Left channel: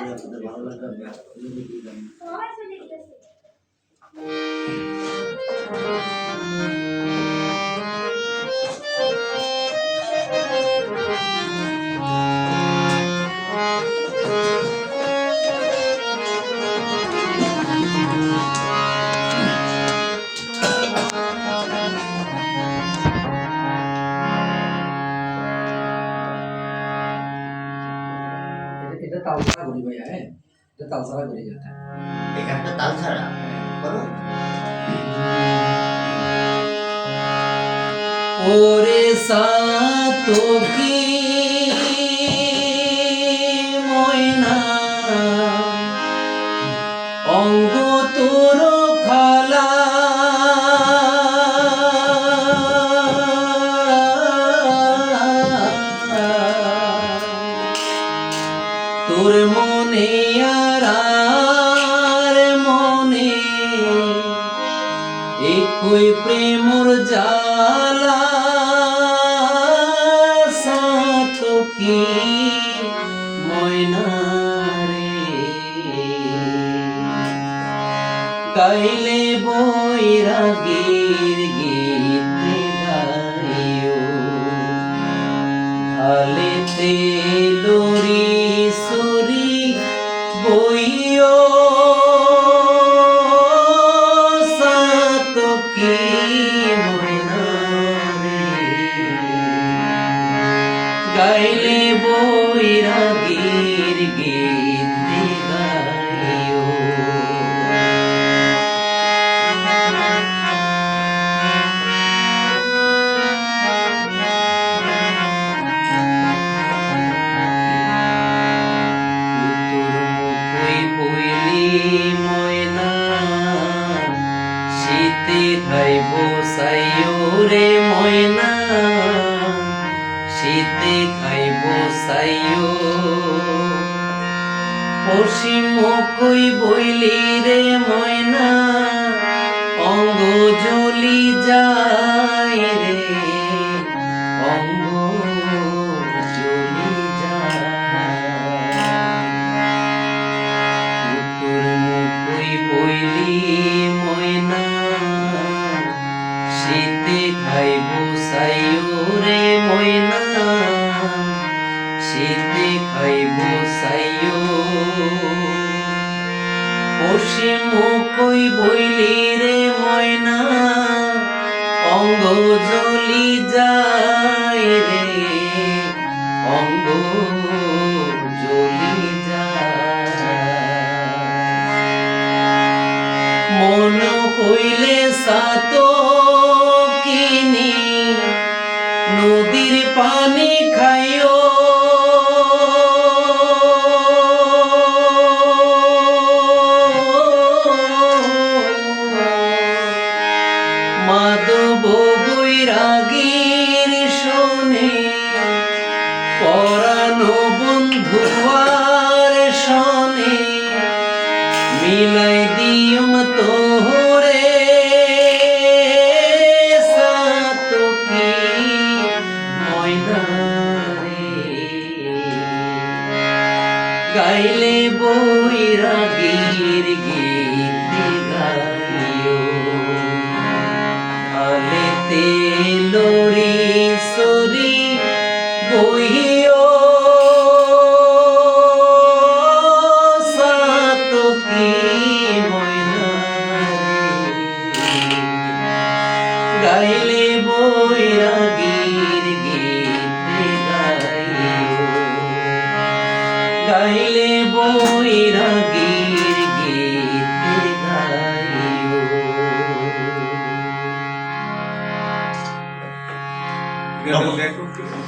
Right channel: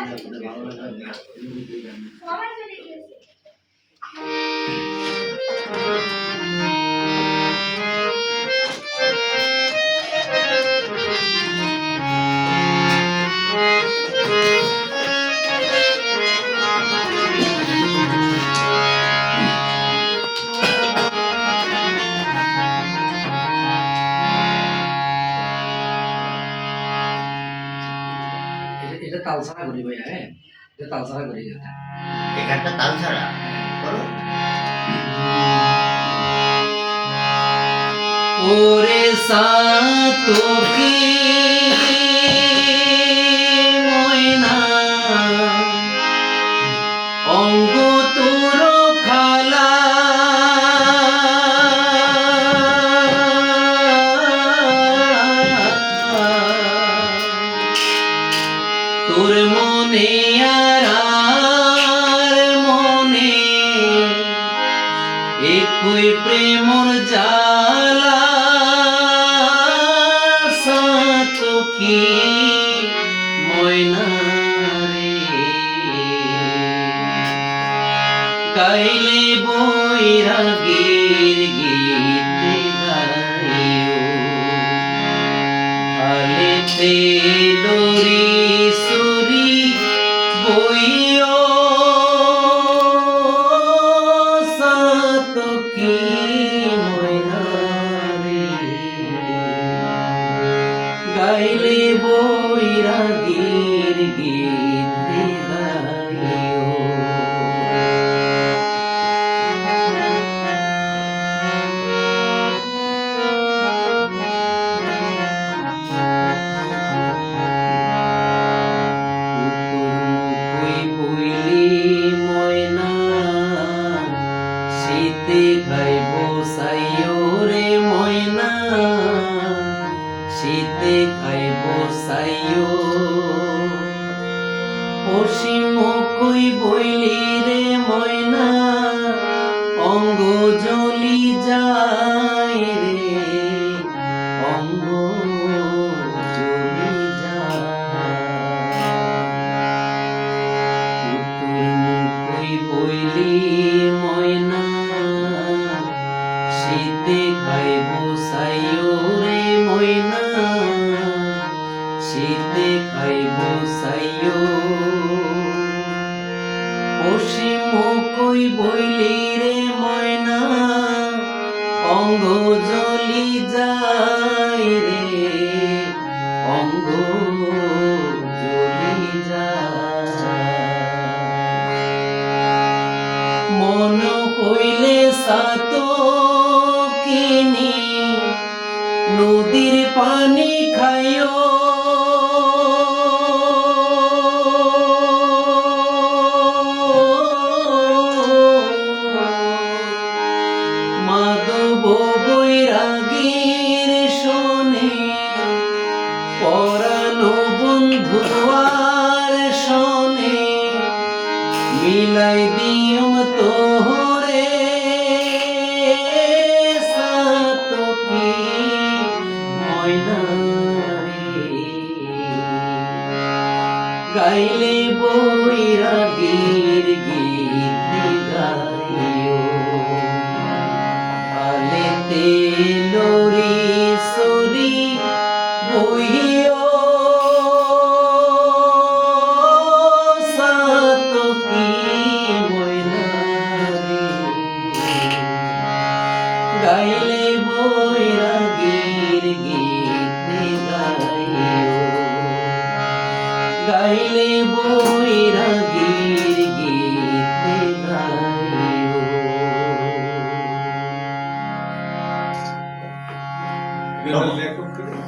এটা- এটা তালসারা করি ভাইয়া হ্যাঁ এটা তালসারা করি এটা এখানটা তাল ছাড়া করো ওরে সাতকি তোর মনে আর মনে একই প্রেমর জালা সাতকি ময়না গাইলে বৈরাগীর গীত গাইও আলেতে বইও সাতকি ময়না রে গাইলে শীতে খাইব সাইও রে ময়না শীতে খাইব সাইও পশ্চিম কই বইলি রে ময়না খাইব সাইও রে ময়না শীতে খাইব সাইও পশ্চিম মুখই বইলি রে ময়না অঙ্গ জ্বলি যায় রে অঙ্গ যায় মন হইলে সাত কিনি নদীর পানি খাইও। পরানো বন্ধুয়ার বৈরাগীর গীত গাইও। আলেতে no.